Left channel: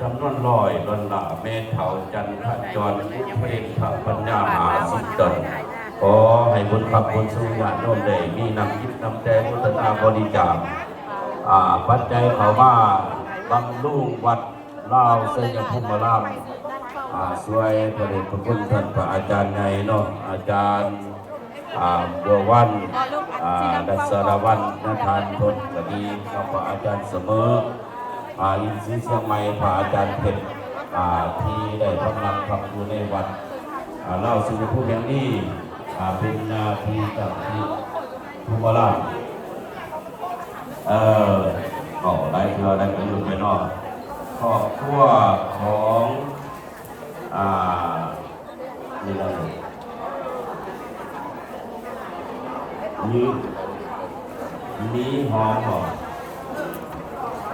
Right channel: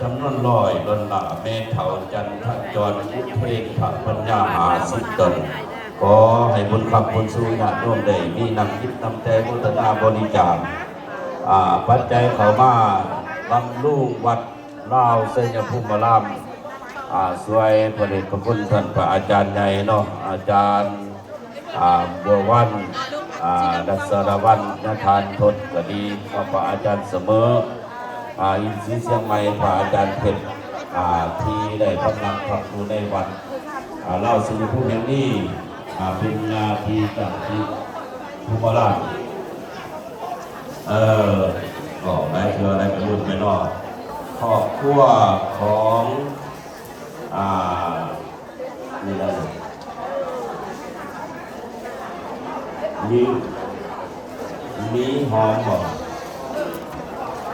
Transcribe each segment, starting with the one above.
จำนวน100 ดอลลาร์แม่เฒ่าจันทจรเพลงพระปัญญามหาสุดตนขอให้บุญขับบุญสู้ญาติโยมได้นี่นำคิดนำใจพุทธนาบริจาคปัจจัยเขามาบำรุงวัดลาวเสยภูมิรามสวยประเดชพระคุณท่านพระอาจารย์ใหญ่เนาะอาจารย์บัววันดัชรวันยทานทศก็ดีพระอาจารย์เสมออินทรีย์เชียงใหม่พระอาจารย์เพชรที่ได้ทำงานขับอยู่ในวัดเล่าสู่ผู้นั้นนี่เป็นนาทีจากที่ภูมิราชได้เชื่อได้ประโยชน์ไปนอกครอบครัวของมีหอมบ่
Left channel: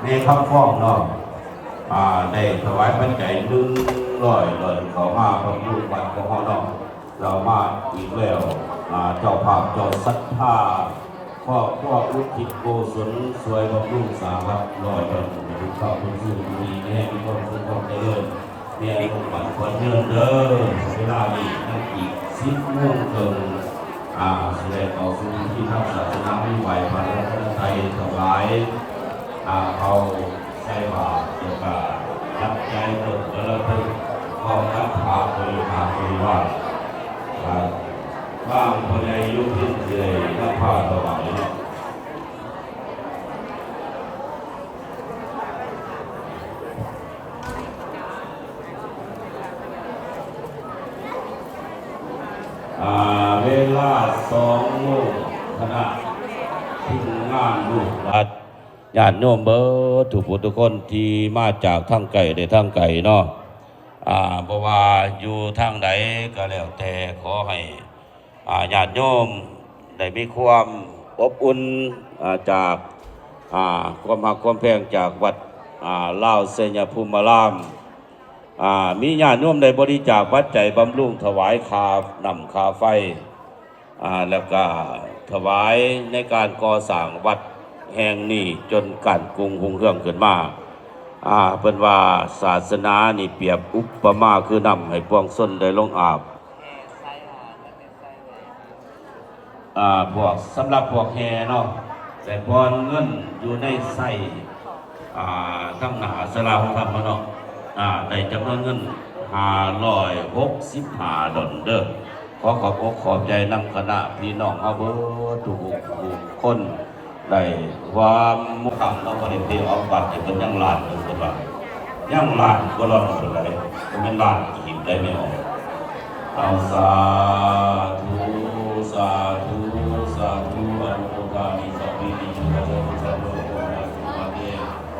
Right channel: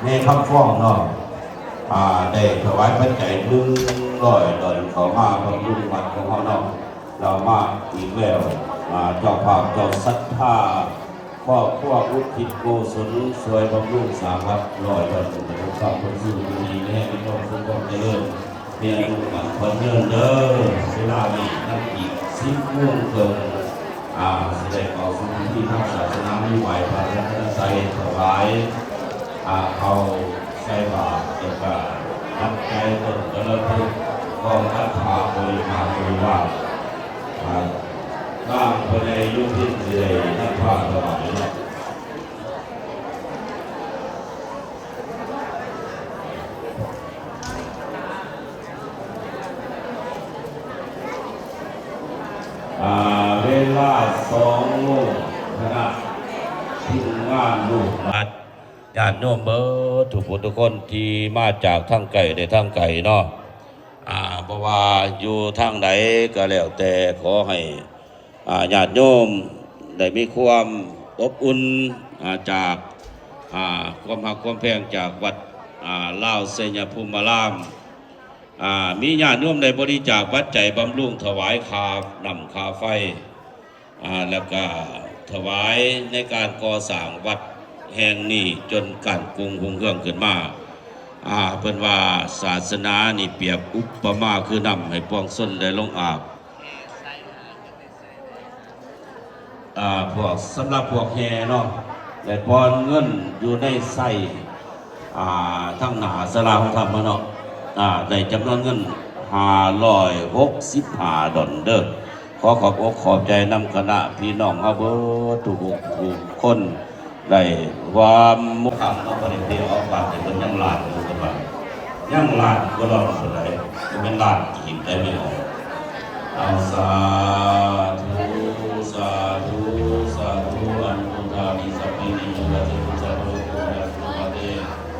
ในคำฟ้องเนาะได้ถวายพระใจ100 ดอลเขามาพระพุทธบาทของเรามาอีกแล้วเจ้าภาพเจ้าศรัทธาครอบครัวอุทิศโกศลสวยบำรุงสามครับ100 ดอลทุกข้าวทุกสิ่งดีๆให้พี่น้องทุกคนได้เลยเนี่ยลูกหลานคนเดินเด้อเวลานี้นับอีก10 โมงเกินแสดงเอาคุณที่ทางศาสนาที่ไหวพระรัตนตรัยถวายเขาใส่บาตรเกี่ยวกับนับใจเกิดเริ่มพูดก็นับพาไปว่าบ้างคนในยุคที่เลยนับพาถวายเวลา2 โมงขณะที่งานลูกญาติโยมเบอร์ทุกผู้ทุกคนที่มาจากทางไกลได้ทางไกลเนาะเพราะว่าอยู่ทางไหนก็แล้วแต่ขอให้ญาติโยมได้มีความอบอุ่นจากความรักความแพงจากวัดลาวเสยภูมิรามมีญาติโยมได้บริจาคปัจจัยบำรุงถวายค่าน้ำค่าไฟแล้วก็ถวายในการก่อสร้างวัดแห่งนี้จนการกรุงรุ่งเรืองขึ้นมาเป็นว่าศาสนานี่เปรียบอุปมาคือนำให้ปวงชนได้ลงอาบพวกสำหรับพวกแห่เนาะและปอนเงินอยู่ในไส้ทั้งหนาสลาของธรรมเนาะได้จำนวนเงิน565 ดอลเด้อขอขอบอกขอบใจนำคณะพี่น้องครับทุกคนได้ความมุ่งมั่นเอาไปเที่ยวเอาบัตรจะเป็นล้านตัวบัตรยังล้านก็รอดคนใดจะเป็นล้านอีกได้ไหมเอาสาธุสาธุสาธุอันตุตานิสัพพินิจุตะสัพพะโลกัสสุมาเต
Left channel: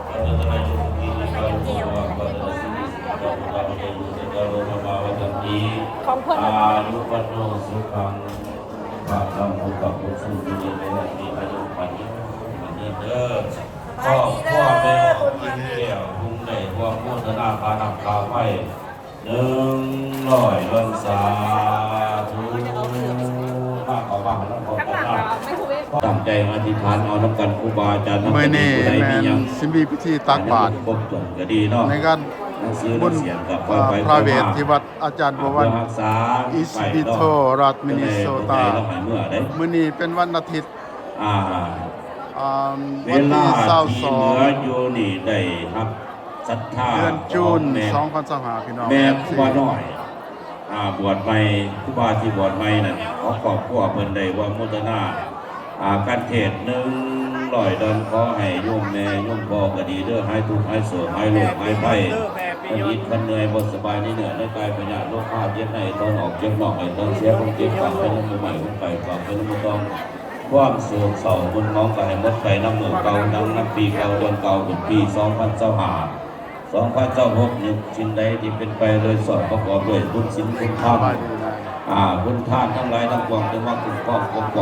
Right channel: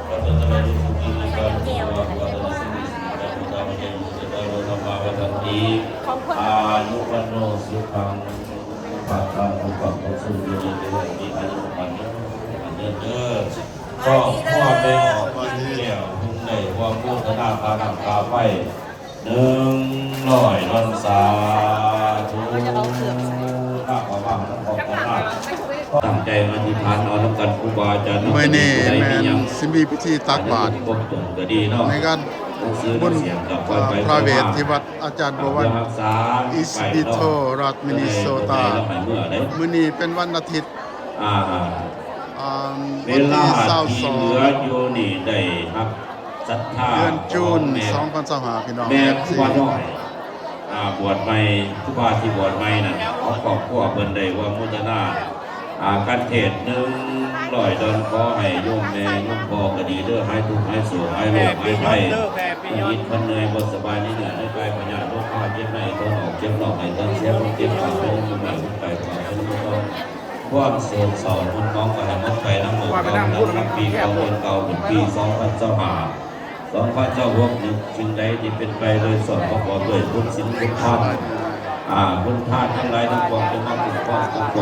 ปัตตะนิสุขินิกัมภวะปัตตะสินิสิกัมภะเยมุตตะโรธรรมวัฏันติอายุวันโนสุขังภะลังอุปปุสุวิเยเตอิอายุมันเด้อก็พ่อได้ออกมาเที่ยวทุ่งได้ว่าพุทธนาพานักพาไป100 ดอลสาธุมากกว่าแล้วขอพระตั้งใจมาที่ฐานน้ำกันครูบาอาจารย์ไม่นี่แมนซิมบีพิธีตักบาตรในการบุญพระเวทที่วัดอาจารย์บัววันอิสบิโตรัฐมินนิโซตามื้อนี้เป็นวันอาทิตย์วันที่22เดือนจูน2025พี่น้องแม่ครูบาน้อยบวชใหม่ครูบาที่บวชใหม่นั่นเอาครอบครัวเพิ่นได้ว่ามุตนาการเทศ100 ดอลขอให้โยมแม่โยมพ่อก็ดีเด้อหายทุกข์หายโศกหายโรคหายภัยยิดมันเหนื่อยบ่สบายนี่เหนื่อยในกายปัญญาโรคข้าวเจ็บในท้องออกเจ็บนอกให้ต้นเสียคนเจ็บปากเป็นใหม่คนไก่ปากเป็นต้นความโศกเศร้าบุญน้องก็ให้หมดใจน้ำหมูเก่านับปีเก่าเดือนเก่าเป็นปี2025สิ่งใดที่เป็นไปโดยสอบประกอบด้วยบุญศีลบุญธรรมบุญทานทั้งหลายทั้งปวงจะมาคุ้มคร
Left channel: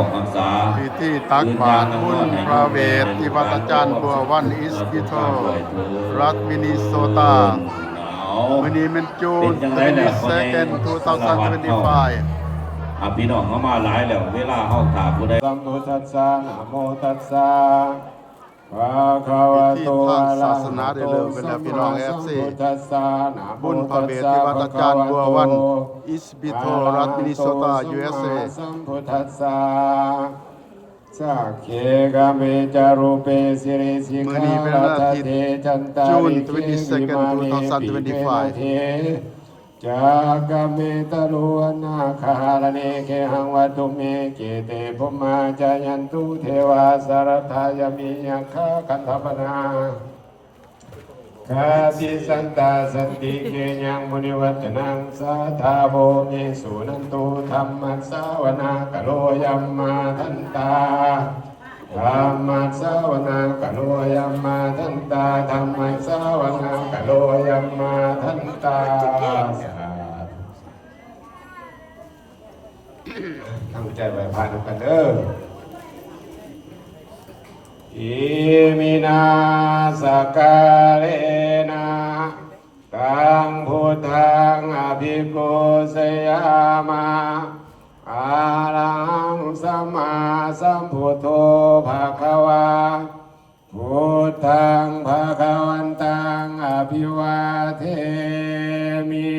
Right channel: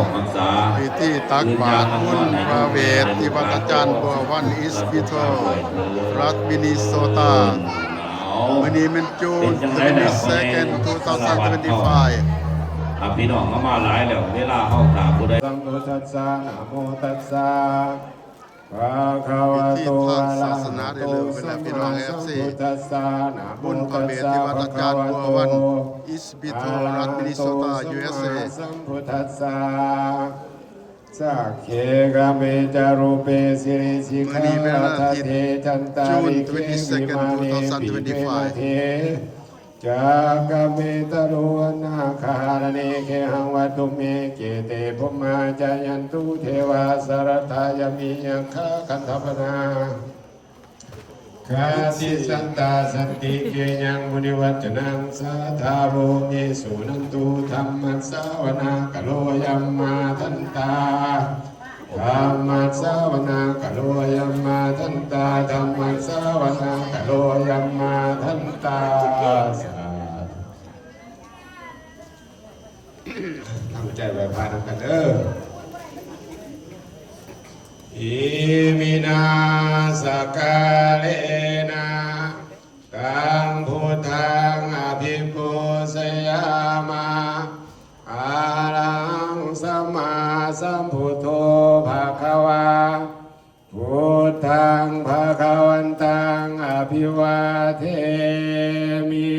องรักษาพิธีตักบาตรบุญพระเวทที่วัดอาจารย์บัววันอิสบิโตรัฐมินนิโซตาวันนี้มันจูน22 2025พี่น้องมาหลายแล้วเวลาเข้าถามผู้ใดนะโมตัสสะนะโมตัสสะ พิธีทางศาสนาได้เริ่มขึ้นแล้วพี่น้อง FC บุญพระเวทที่วัดอาจารย์บัววันอิสบิโตรัฐมินนิโซตา USA สัมพุทธัสสะสักเขกเมจารูเปสิริสิ มื้อนี้เป็นวันอาทิตย์ June 22nd 2025 จากเมตโรนาคาลเนเคหังวัตุเมเกเตภุมาจายันตุเทวาสารทายมิยังคาคันธปนาคาสิสันตาสันติเกยังมุนิวัจนังสาธาโภเมสุนันตุธรรมัสสาวนากโลยัมมาทันตาธรรมัสสาวนาคโลยัมมาทันตาธรรมัสสาวนาคโลยัมมาทันตาตั้งใจไว้พาดกันเด้ออิมินาสกาเลนะตังพุทธังอภิปุสยามาอาลังสัมมาสัมพุทโธภะคะวาพุทธังภะคะวันตังอภิวาเทมิ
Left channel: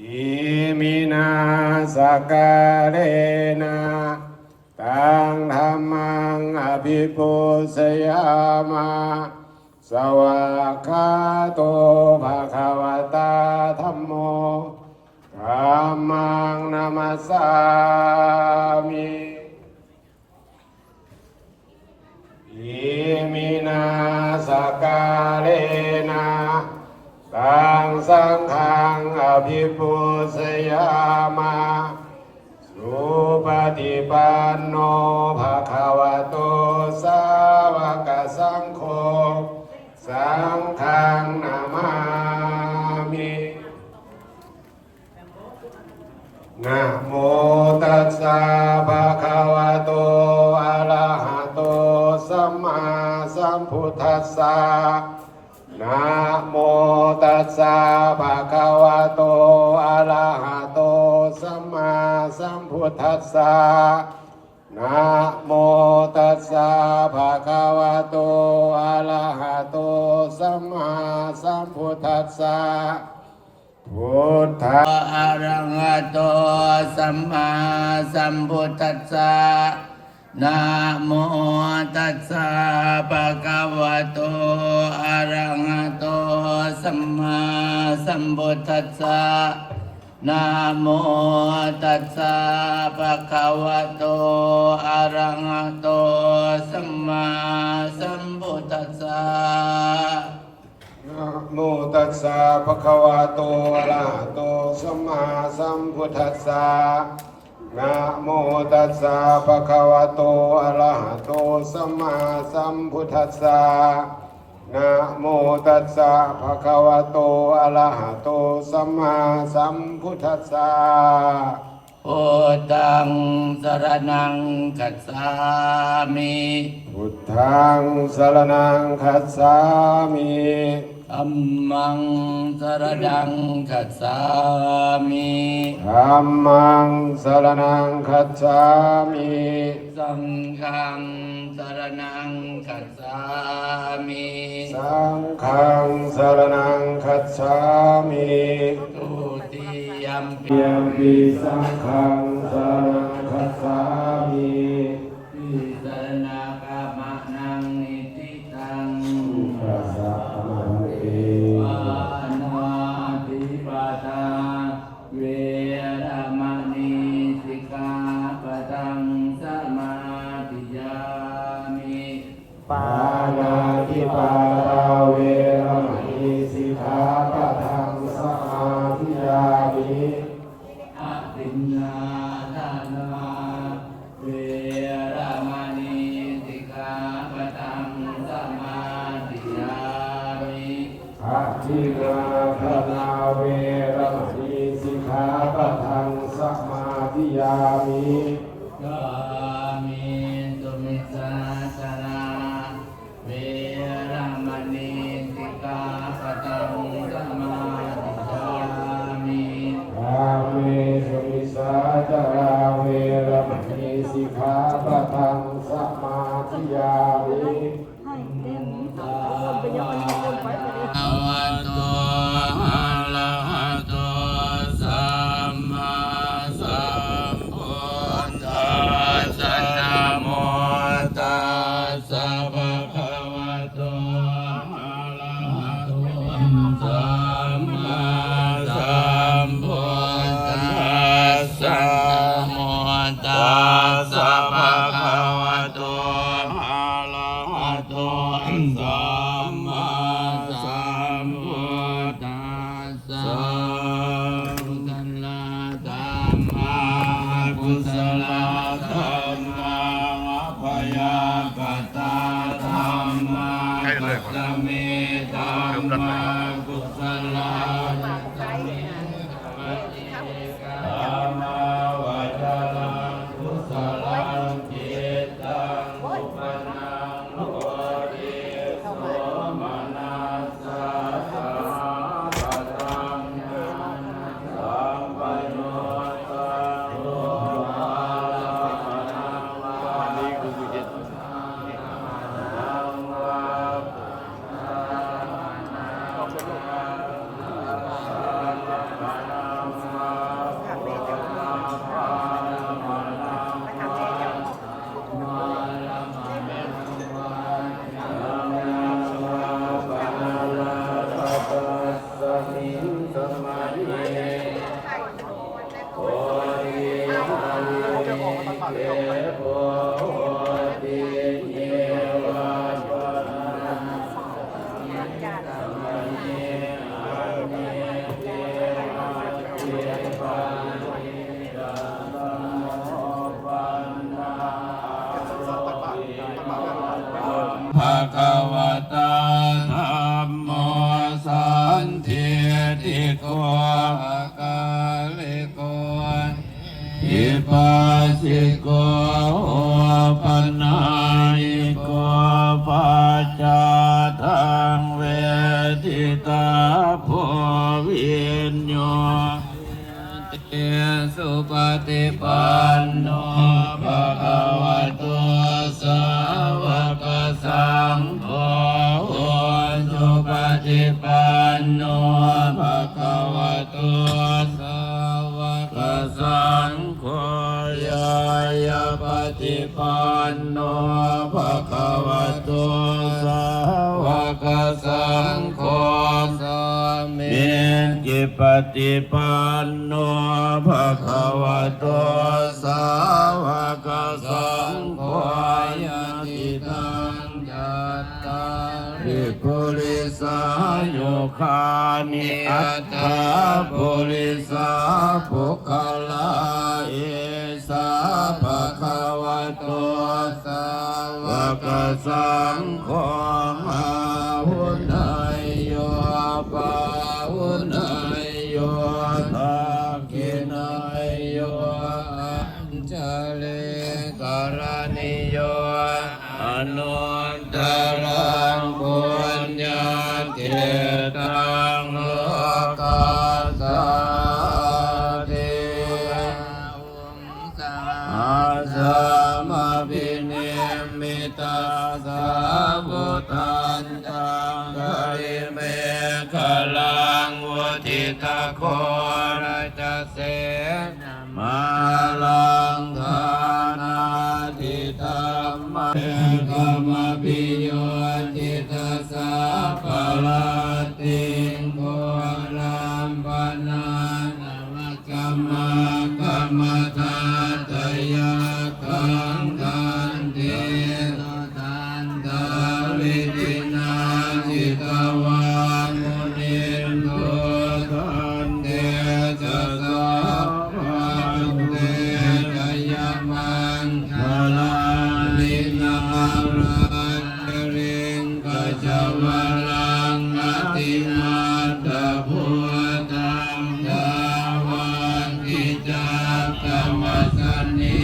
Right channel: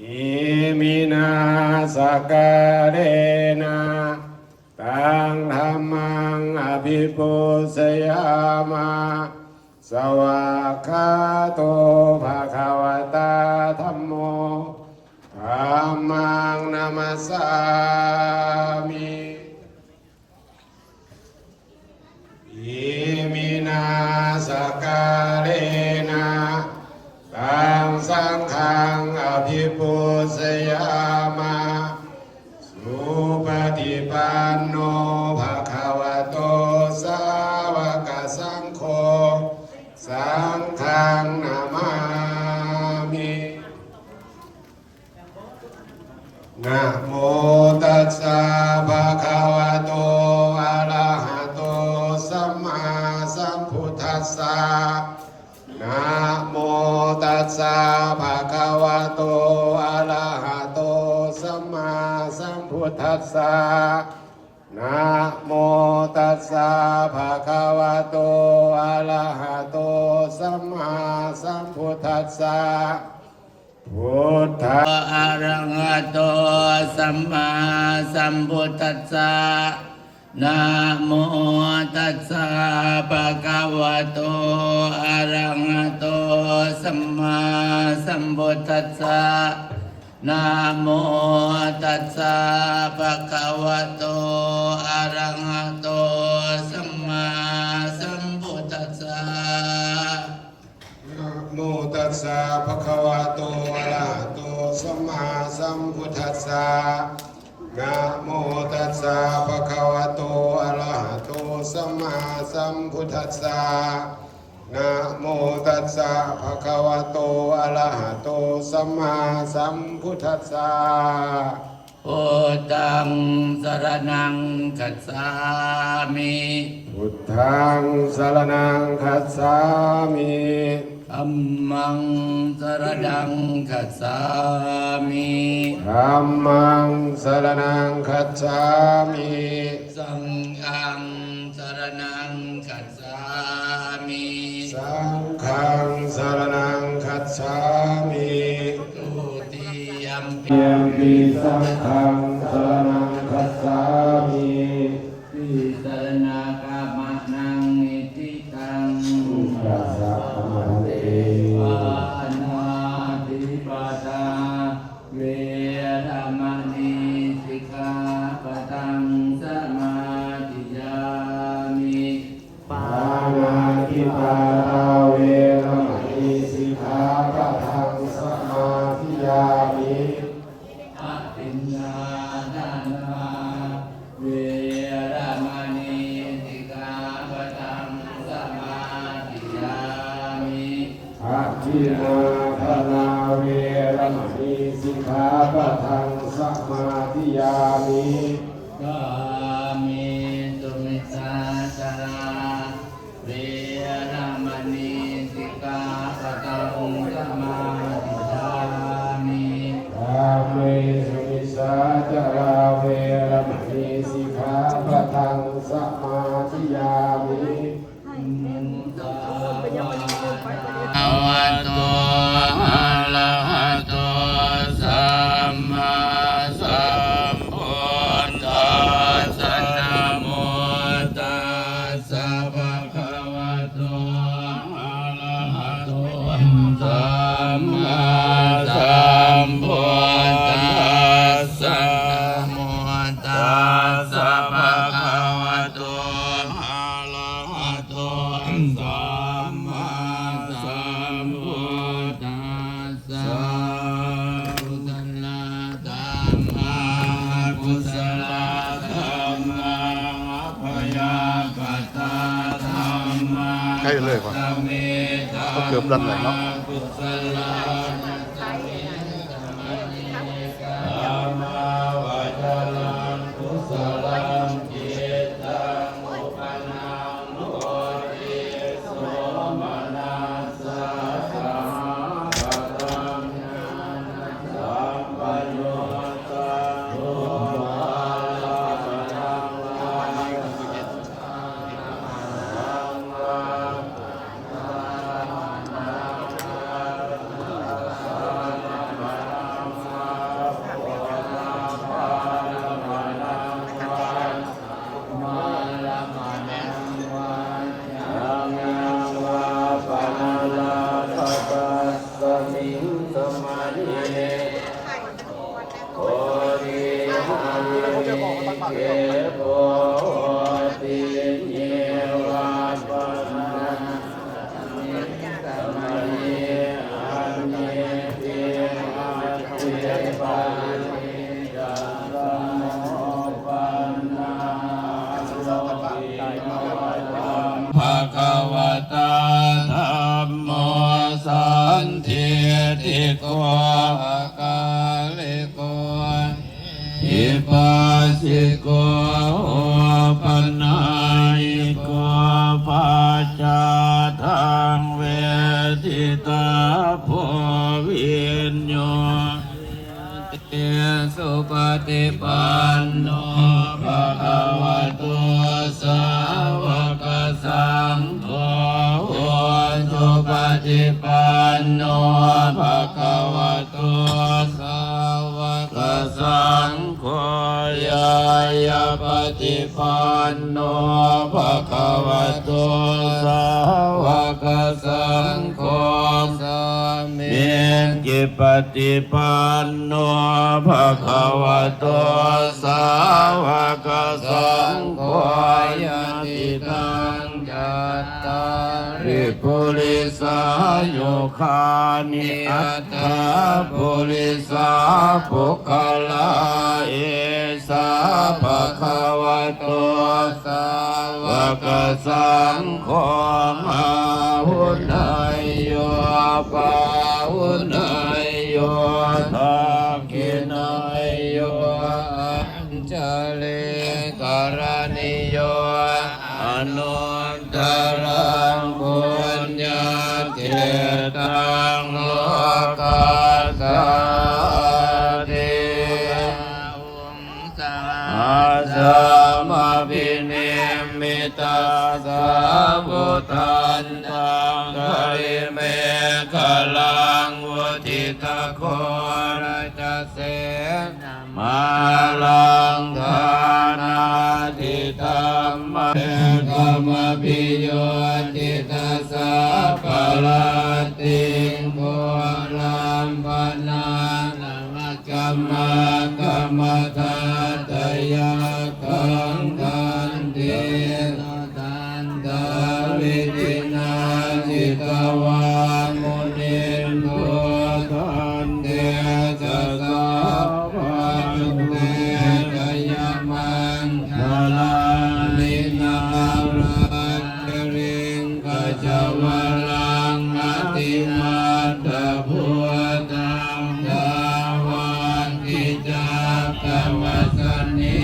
อิมินาสกาเลนะตังธัมมังอภิปุสยามาสวากขาโตภะคะวตาธัมโมธัมมังนามัสสามิอิมินาสกาเลนะตังสังฆังอภิปุสยามาสุปฏิปันโนภะคะวะโตสาวกสังโฆสังฆังนามามินะโมตัสสะภะคะวะโตอะระหะโตสัมมาสัมพุทธัสสะนะโมตัสสะภะคะวะโตอะระหะโตสัมมาสัมพุทธัสสะนะโมตัสสะภะคะวะโตอะระหะโตสัมมาสัมพุทธัสสะพุทธะอะระหะโตสัมมาสัมพุทธัสสะนะโมตัสสะภะคะวะโตอะระหะโตสัมมาสัมพุทธัสสะนะโมตัสสะภะคะวะโตอะระหะโตสัมมาสัมพุทธัสสะนะโมตัสสะภะคะวะโตอะระหะโตสัมมาสัมพุทธัสสะนะโมตัสสะภะคะวะโตอะระหะโตสัมมาสัมพุทธัสสะนะโมตัสสะภะคะวะโตอะระหะโตสัมมาสัมพุทธัสสะพุทธังสรณังคัจฉามิพุทธังสรณังคัจฉามิธัมมังสรณังคัจฉามิธัมมังสรณังคัจฉามิสังฆังสรณังคัจฉามิสังฆังสรณังคัจฉามิทุติยัมปิสังฆังสรณังคัจฉามิปิสรณากามะนังนิติตังปัสสะปานาติปาตาเวรมณีสิกขาปะทังสมาธิยามิปานาติปาตาเวรมณีสิกขาปะทังสมาธิยามิอะตินนาทานาเวรมณีสิกขาปะทังสมาธิยามิอะทินาทานาเวรมณีสิกขาปะทังสมาธิยามิกามิสุมิสาจาราเวรมณีสิกขาปะทังสมาธิยามิกามิสุมิสาจาราเวรมณีสิกขาปะทังสมา ภะคะวะโตอะระหะโตสัมมาสัมพุทธัสสะนะโมตัสสะภะคะวะโตอะระหะโตสัมมาสัมพุทธัสสะกุศลธัมมังพยาปัตตาธัมมัง ใช่เลยว่ะ เมตา เกือบด้านไหนครับ กุศลธัมมาวะจรังกุศลังจิตตังอุปนังโนริโสมนัสสะสัมปตังสัมปโยสังโฆ ภะคะวะตาธัมโมสันทิติโกภะกาลิโกอิปัสสิโกโอปันนายิโกปัจจาทังเวทิตาโพวิญโยเตสุปฏิปันโนภะคะวะโตสาวกสังโฆสุปฏิปันโนภะคะวะโตสาวกสังโฆยายาปฏิปันโนภะคะวะโตสาวกสังโฆสามิจิปฏิปันโนภะคะวะโตสาวกสังโฆยะติตังจัตตาริปุริสายุคานิอัตถาปุริสาภุคลาเอสาภะคะวะโตสาวกสังโฆอาหุนายโยปาหุนายโยทักขินายโยอัญจเลกรณิโยอนุตตรังปุญญาเกตังโลกัสสะเทอาสัมภินิมิตาสาบุตันตังกริเมฆลังวุทิตาโคราชเสมาลังธานาทิธรรมะธรรมปิโยติตาสาปลาติงโกลัมปนานามัจจมะกัมมะทาตยาคังคันเตตันตาวิจินาจิตวามุนินโทคันเตจะสาพันเตกยมังคลาลินารัจริงกจวรังอติมาตะพุตังดาวันกิจากรรมสนิ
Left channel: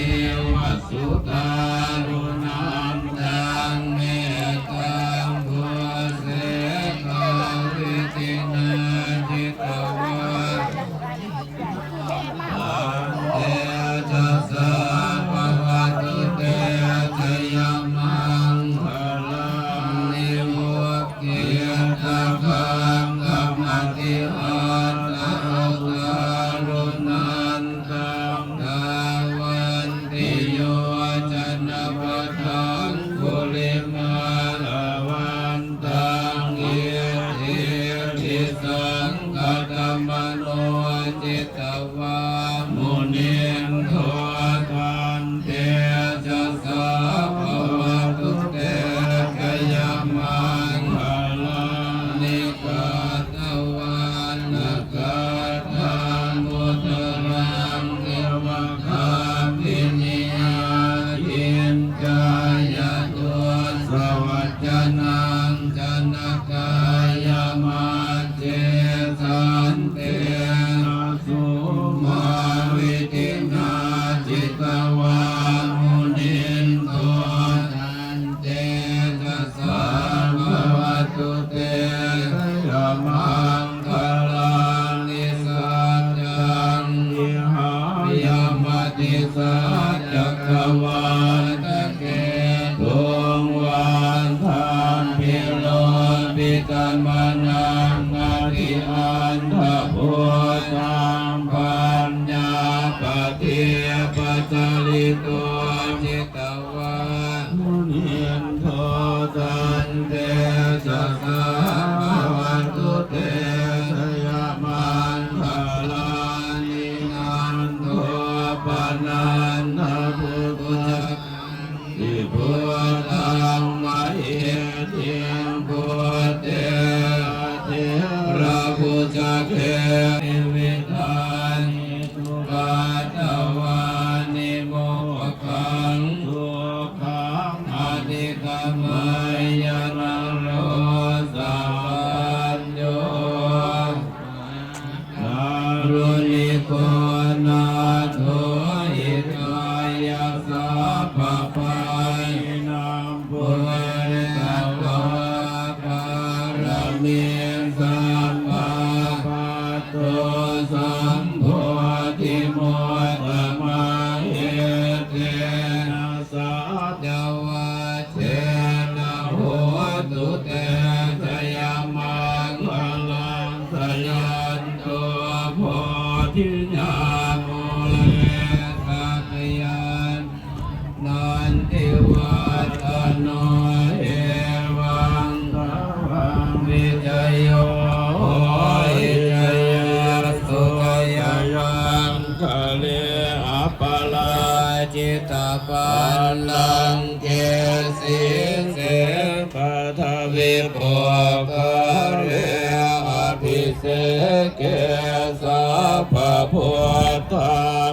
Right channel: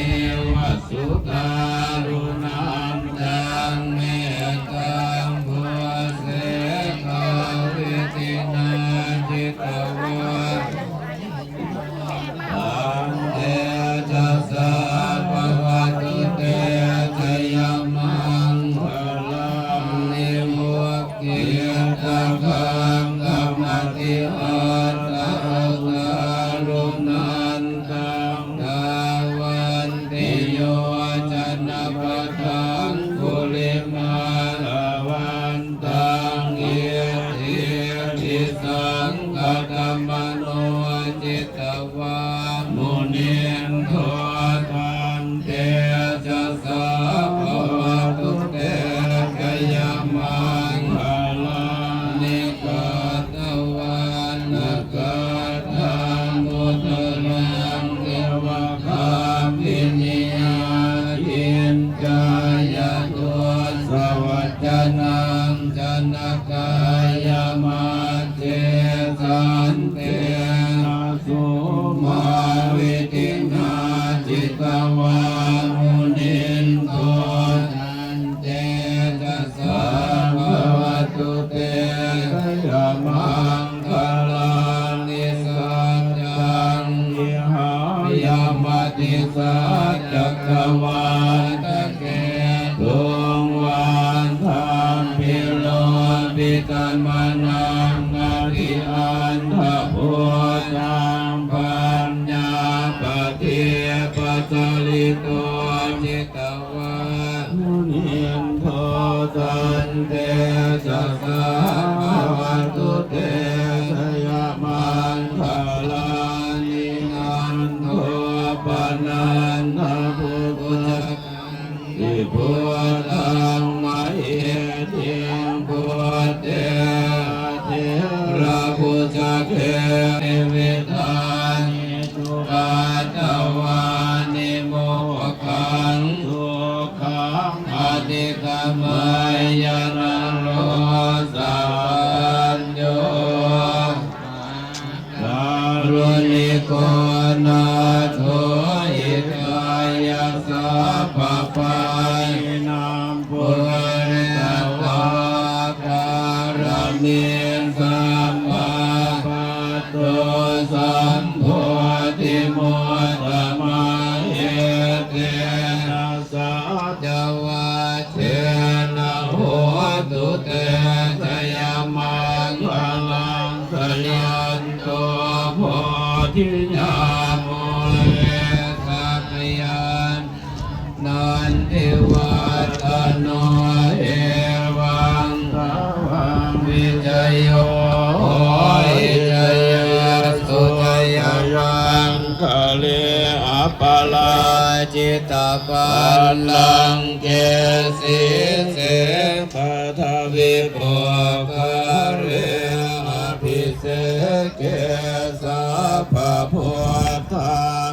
วสุตารุณันตังเมตตังพุเสกวิตินาจิตวาอันเตจัสสะภะคะตุเตชะยมังคลังนิวกเกียตะคังก นังจันกายมาเจสันเตนะสุมาวิตินาจิตวามุนินโตทันเตจัสสะภะวะตุเตยะมังคลานิสัจจังยิหายามติสัจจักขวาตะเกดวงวันธรรมพิโลปิตัมมานังอธิอันทพุทธังปัญญาปฏิปัสสลิโตจิตวามุนินโทตันเตสัสสะภะวะตุเตสยามันคลานินันโทปนันทพุทธังอิพุทธังมะเอเทียงพุทเตเทระพุทธเกนิวิธานิทุปัตตวานิโมกขังสุขังอธิกามายนะโลสัญโยนารุณิโกนาโทอิกายสัพพะปายนามปุเรตวาการมิสัมมาปัตโตสัมโพธิโมตมะเอเตนะสัจวะเทนะโหตุเตสยามังคลังสยันโตโพธิญาโมเอสัพยันนันทิวัตโนเอวังสาวังวิจโยอิจยสุทยังคะเลอปลาจิตาปัลลังเกสิเสปัทวิโภคเรอภิเสเกสัพพะพุทธัง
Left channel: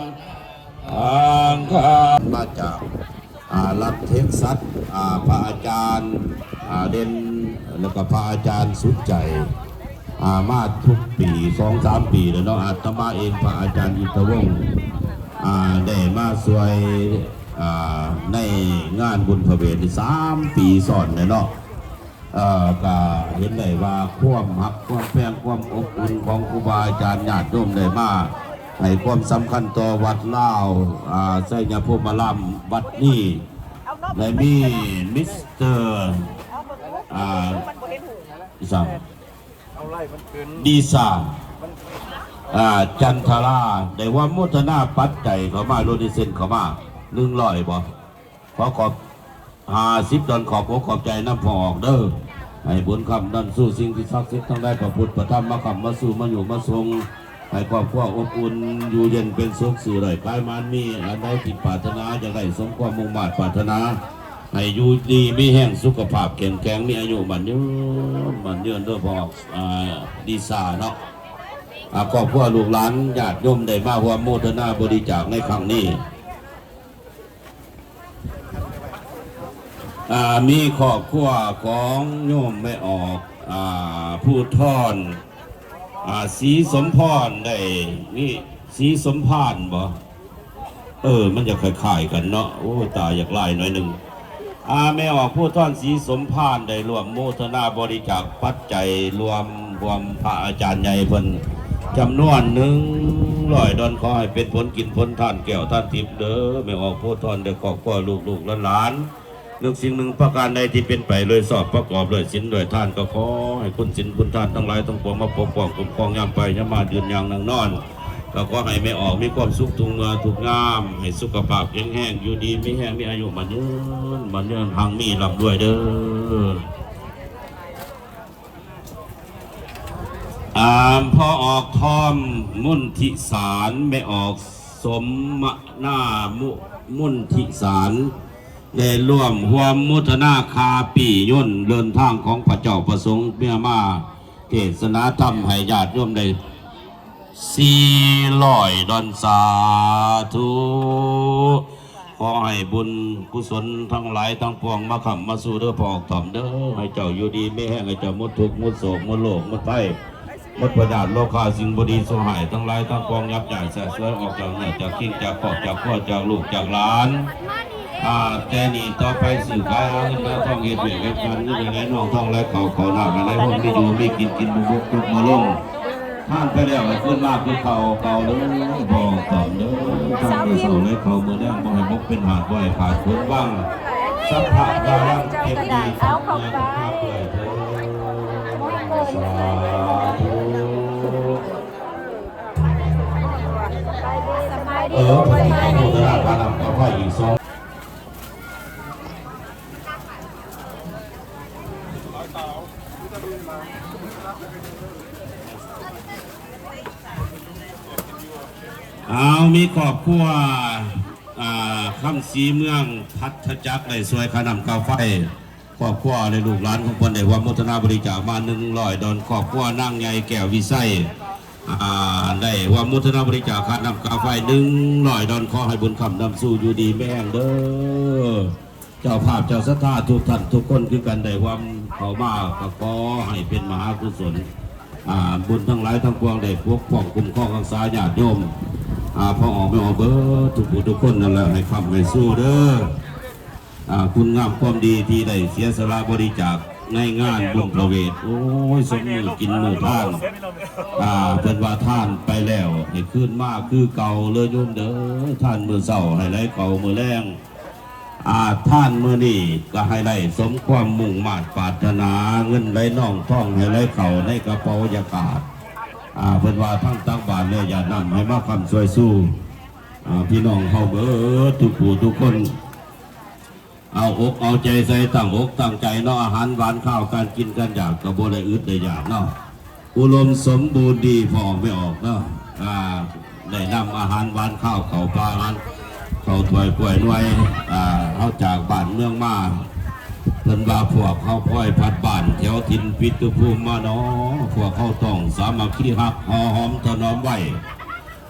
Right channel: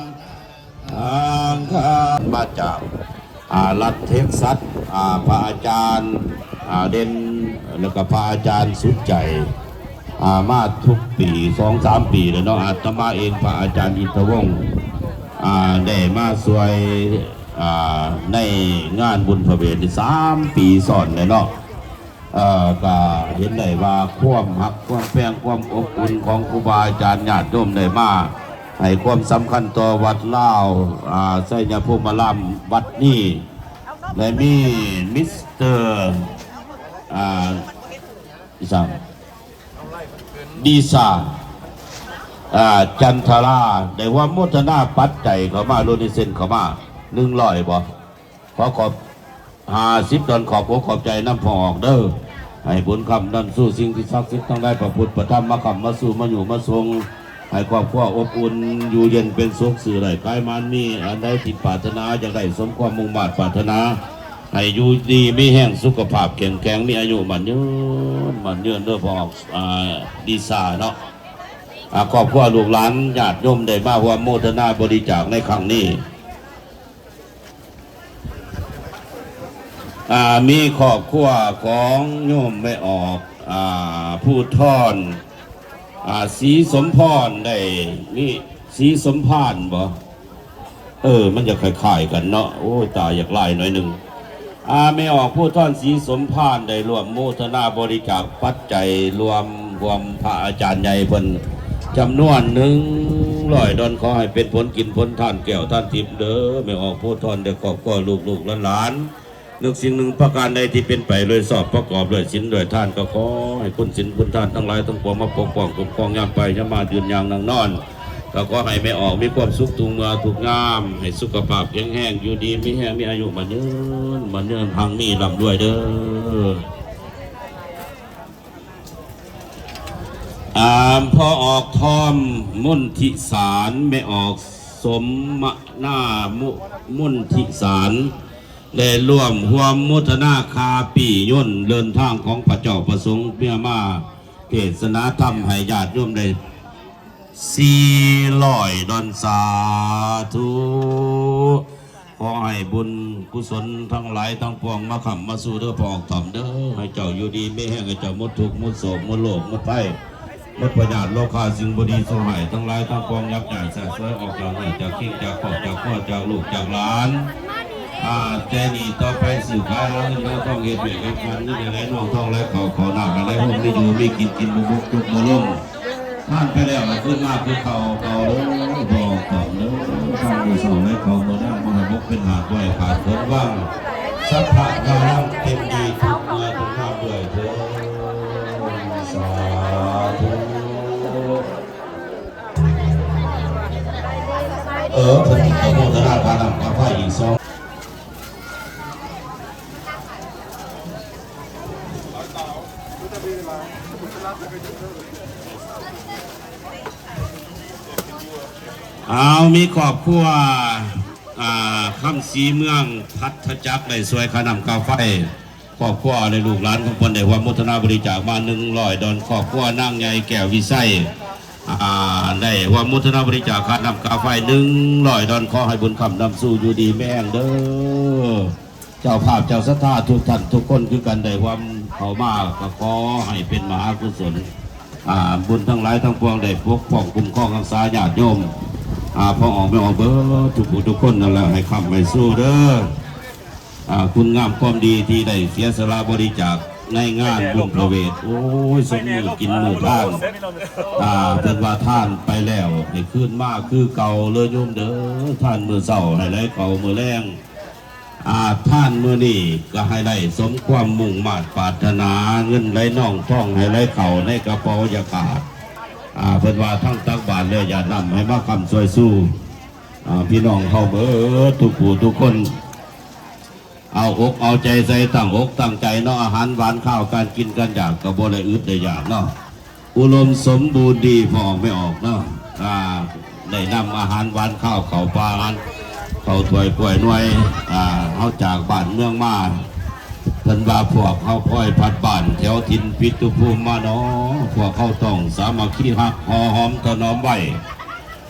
อังคามาจากรัฐเท็กซัสพระอาจารย์เด่นแล้วก็พระอาจารย์สุดใจมาทุกปี 2-3 ปีเลยเนาะอาตมาเองพระอาจารย์อิทธวงศ์ได้มาสวยในงานบุญพระเวท3 ปีซ้อนเลยเนาะก็เห็นได้ว่าความหักความแป้งความอบอุ่นของครูบาอาจารย์ญาติโยมได้มาให้ความสำคัญต่อวัดลาวไสยภูมิลำวัดนี้ได้มีมิสเตอร์สั่งดีซาจันทราได้ว่าโมทนาปัจจัยเขามาโลนิเซนเขามา100บ่ขอบ50 ตอนขอบใจน้ำพอออกเด้อให้บุญคำนั้นสู้สิ่งที่ศักดิ์สิทธิ์ทั้งได้พระพุทธพระธรรมมาคำมาสู่มาอยู่มาทรงให้ครอบครัวอบอุ่นอยู่เย็นเป็นสุขสื่อไรกายมันมีอันใดที่ปรารถนาอย่างไรสมความมุ่งมั่นปรารถนาให้อยู่ดีมีแห้งสุขภาพแข็งแรงมีอายุมันยืนเด้อพอดีซาเนาะครอบครัวลูกหลานญาติโยมได้มาร่วมโมทนาบริจาคในครั้งนี้มีครอบครัวของโยมไม่ออกผู้ทอนสีสมพรได้นี่สีสมพานบ่มันจะคล้ายๆกันเนาะโอ้ตาอยากไล่หน่อยหนึ่งไม่ออกผู้ทอนสีสมพานได้รวมโมทนาบริจาคปัจจัยรวมพระอาจารย์ใหญ่เพิ่นจำนวน100 ดอนขอให้เป็นผลกินผลทานแก้วท่านทิพย์เด้อไม่ออกผู้ทอนเด็กครอบครัวลูกหลานนึกสิ่งหนึ่งประการใดที่เป็นไปเลยสอบประกอบเลยศีลเลยทานก็ขอให้คุณศีลคุณทานทั้งหลายทั้งปวงมาปกป้องคุ้มครองยามไปยามมายืนยางนั่งนอนก็ขอให้ไม่ออกมีความสุขทุกเนื้อทุกงามให้สุขภาพแข็งแรงอยู่ดีมีแห้งมีอายุมันยืนทางมีลำด้วยเด้อพอออกทอมมุนทิสารไม่ออกสมมนามุนทิสารได้ร่วมห่วมมุทนาคาปีย่นเดินทางของพระเจ้าประสงค์เมียมาเทศนาธรรมให้ญาติโยมได้400 ดอนสาธุ ขอให้บุญกุศลทั้งหลายทั้งปวงมาขับมาสู่เด้อพอกถ่อมเด้อให้เจ้าอยู่ดีไม่แห้งให้เจ้ามุดทุกข์มุดโศกมุดโลกมุดไพ่มุดประดาดโลกาสิ่งบดีสหายทั้งหลายทั้งปวงยับยั้งแสบเสือออกจากนี่จากกิ้งจากขอบจากพ่อจากลูกจากหลานแต่นี่ต่อไปสื่อการเงินทองเหตุเบียดกันนี่อย่างไรน้องทองและเขาหนักอะไรพวกนี้อยู่ไม่กินบุกทุกมาลงห้ามไปแล้วขึ้นมากคือเขาเลยบอกต่อเลยทางมือสู่และเขาเมื่อนั่งมือบกเป็นหาดด้วยขาดผลบ้างสัพพะดารังเต็มดีทุกเมื่อทุกข้าวด้วยเถิดสาธุผมขอโมทนาการนำกาแฟอีก2เอามีครอบครัวคำสีเมืองพัทจักรได้สวยขนำกาไฟครอบครัวในลูกหลานของคนได้ว่ามุทนาบริจาคมา100 ดอนครอบครัวนั่งใหญ่แก้ววิไสได้ว่ามุทนาบริจาคขนำกาไฟ100 ดอนขอให้บุญคำนำสู่อยู่ดีแม่งเด้อเจ้าภาพเจ้าศรัทธาทุกท่านทุกคนคือกันได้ว่าเขามาก็ขอให้เป็นมหากุศลบุญทั้งหลายทั้งปวงได้ปกป้องคุ้มครองรักษาญาติโยมพอออกไม่ออกเบอร์ทุกคนนั่นแหละให้คำให้สู้เด้อคุณงามความดีที่ได้เสียสละบริจาคในงานบุญประเวทโอ้ยสมมือกินมือท่านเป็นว่าท่านไปแล้วให้ขึ้นมากคือเก่าเลยโยมเด้อท่านมือเศร้าให้ไรเก่ามือแรงท่านมือนี่ก็ให้ได้สมความมุ่งมา่ปรารถนาเงินไรน่องท่องให้ไรเข่าในกระเป๋าอย่าขาดเพิ่นว่าทั้งตักบาทเลยอย่านำให้มาคำสวยสู้พี่น้องเข้าเบอร์ทุกผู้ทุกคนเอาอกเอาใจใส่ตั้งอกตั้งใจเนาะอาหารหวานข้าวการกินกันอย่างกระบวนเลยอึดได้อย่างเนาะอุดมสมบูรณ์ดีพอออกไม่ออกเนาะได้นำอาหารหวานข้าวเข่าปลาเขาถวยป่วยหน่วยเขาจากบ้านเมืองมาเพิ่นว่าพวกเขาพ่อยพัดบ้านแถวถิ่นปิตุภูมิมาเนาะพวกเขาต้องสามัคคีหักหอหอมถนอมไว้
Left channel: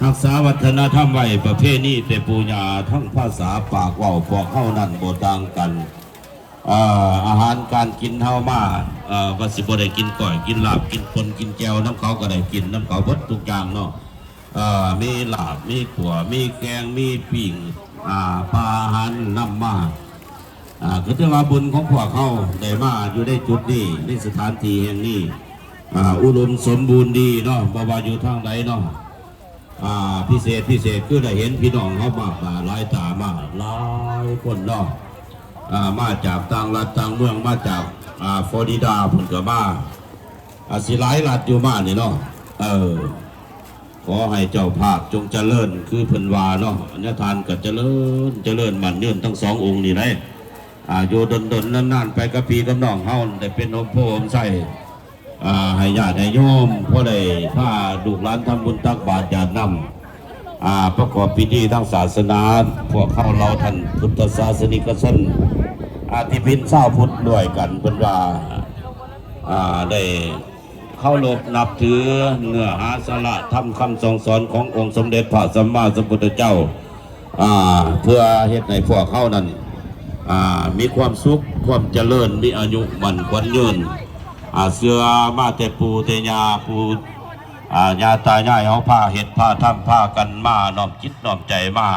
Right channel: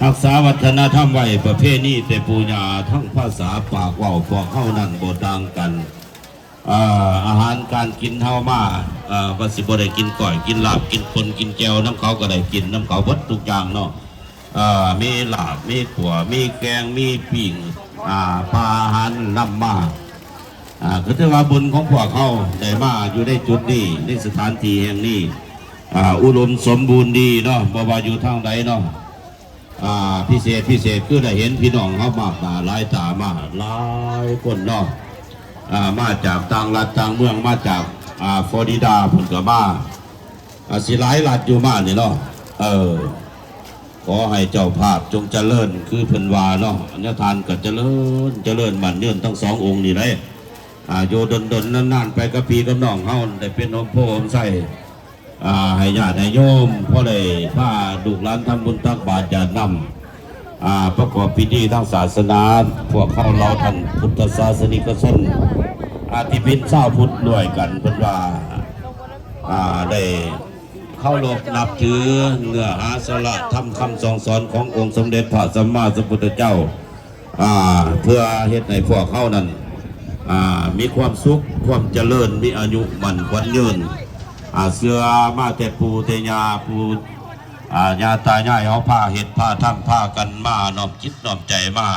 รักษาวัฒนธรรมไว้ประเพณีแต่ปูญาทั้งภาษาปากว่าพวกเขานั่นโบต่างกันอาหารการกินเฮามาว่าสิบ่ได้กินก่อยกินลาบกินปนกินแจวน้ำเขาก็ได้กินน้ำเขาวัดทุกอย่างเนาะมีลาบมีขั่วมีแกงมีปิ้งปลาอาหารนำมาก็ถือว่าบุญของพวกเขาได้มาอยู่ในจุดนี้ในสถานที่แห่งนี้อุดมสมบูรณ์ดีเนาะบ่ว่าอยู่ทางใดเนาะพิเศษคือได้เห็นพี่น้องเขามากหลายตามากหลายคนเนาะมาจากต่างรัฐต่างเมืองมาจากฟลอริดาผลก็มาสิหลายรัฐอยู่มาเนี่ยเนาะขอให้เจ้าภาพจงเจริญคือเพิ่นวาเนาะอัญญทานก็เจริญมันเนื่นทั้ง2 องค์นี่เลยโยดนนานๆไปกับปีกับน้องเฮาได้เป็นอมโพอมใส่ให้ญาติให้โยมเพราะได้พาลูกหลานทำบุญตักบาตรญาตินำประกอบพิธีทางศาสนาพวกเข้าเราท่านพุทธศาสนิกชนที่พินเศร้าพุทธด้วยกันเพิ่นว่าได้เข้ารบนับถือเนื้อหาสาระทำคำสอนขององค์สมเด็จพระสัมมาสัมพุทธเจ้าเพื่อเฮ็ดให้พวกเข้านั้นมีความสุขความเจริญมีอายุมั่นขวัญยืนเสื้อมาแต่ปูเตยาปูญาตายายเอาผ้าเห็ดผ้าทำผ้ากันมาน้อมจิตน้อมใจมา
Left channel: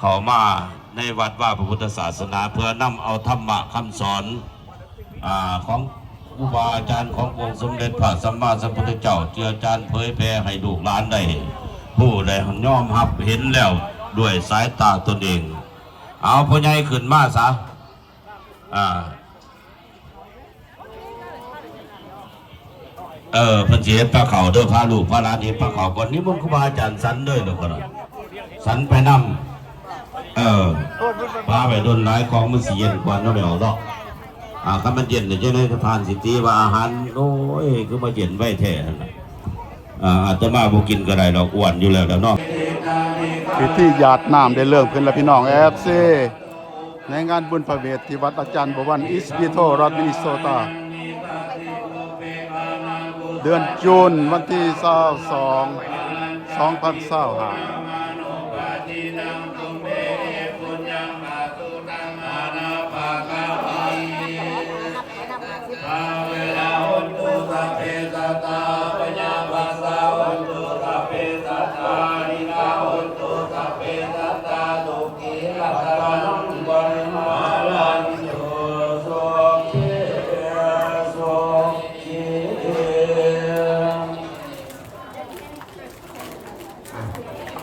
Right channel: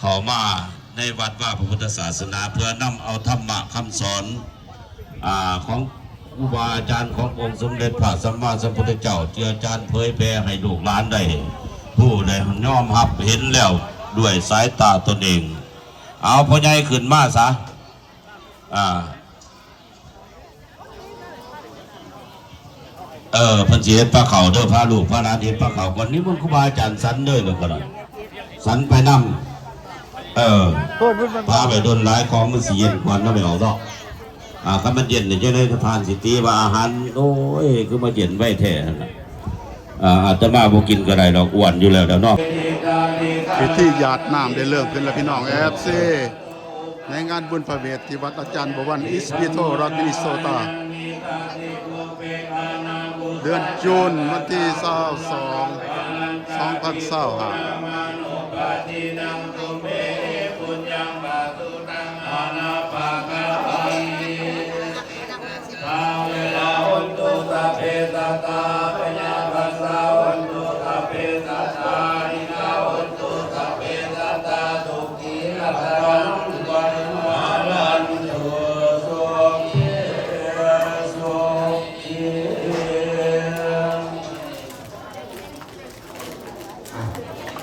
เขามาในวัดว่าพระพุทธศาสนาเพื่อนำเอาธรรมะคำสอนของครูบาอาจารย์ขององค์สมเด็จพระสัมมาสัมพุทธเจ้าเจือจานเผยแผ่ให้ลูกหลานได้ผู้ใดน้อมรับเห็นแล้วด้วยสายตาตนเองเอาพ่อใหญ่ขึ้นมาซะเพิ่นสิเฮ็ดพระเขาเด้อพาลูกพาหลานเฮ็ดพระเขาวันนี้มันครูบาอาจารย์สันเด้อเด้อพ่อน่ะสันไปนำพาไปโดนหลายของมันสิเย็นกว่านั้นไม่เอาดอกคันมันเย็นเนี่ยจะได้ทานสิตีว่าอาหารโอ้ยคือมาเย็นไว้แท้นั่นน่ะอาตมาบ่กินก็ได้ดอกอ้วนอยู่แล้วเนาะพิธีหยาดน้ำได้เริ่มขึ้นแล้วพี่น้องFCในงานบุญพระเวทที่วัดอาจารย์บวรอิสปิโตรัฐมินนิโซตาเดือนจูนวันที่22 2025 สัตตาปัญญาปัสสาวันตุสัพเพสัตตาอินาวันตุสัพเพสัตตาทุกขีรัตตังปริมาณันตุสุขีสุขี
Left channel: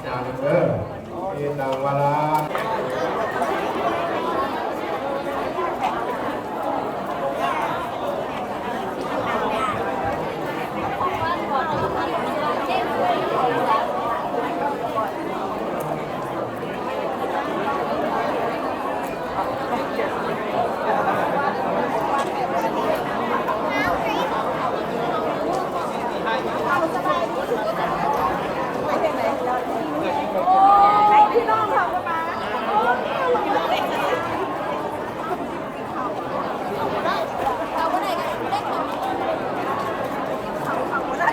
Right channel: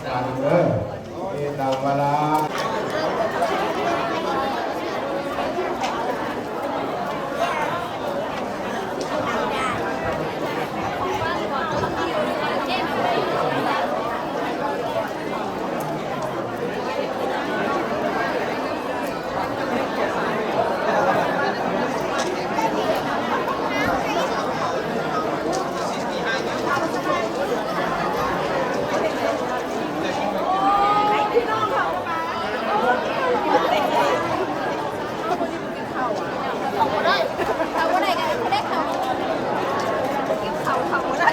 จานเด้อเอตังวลา พี่น้องเขาจะมาเขาไม่ได้เขาไม่ได้กันไม่ได้เขาไม่ได้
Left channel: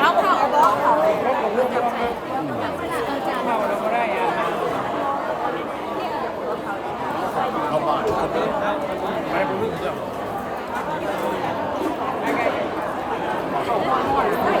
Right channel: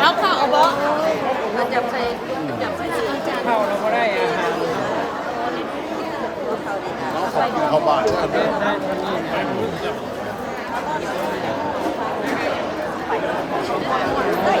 เอาข้าวเอาบ่มันจะใครเอาจานเข้าบ้าน เ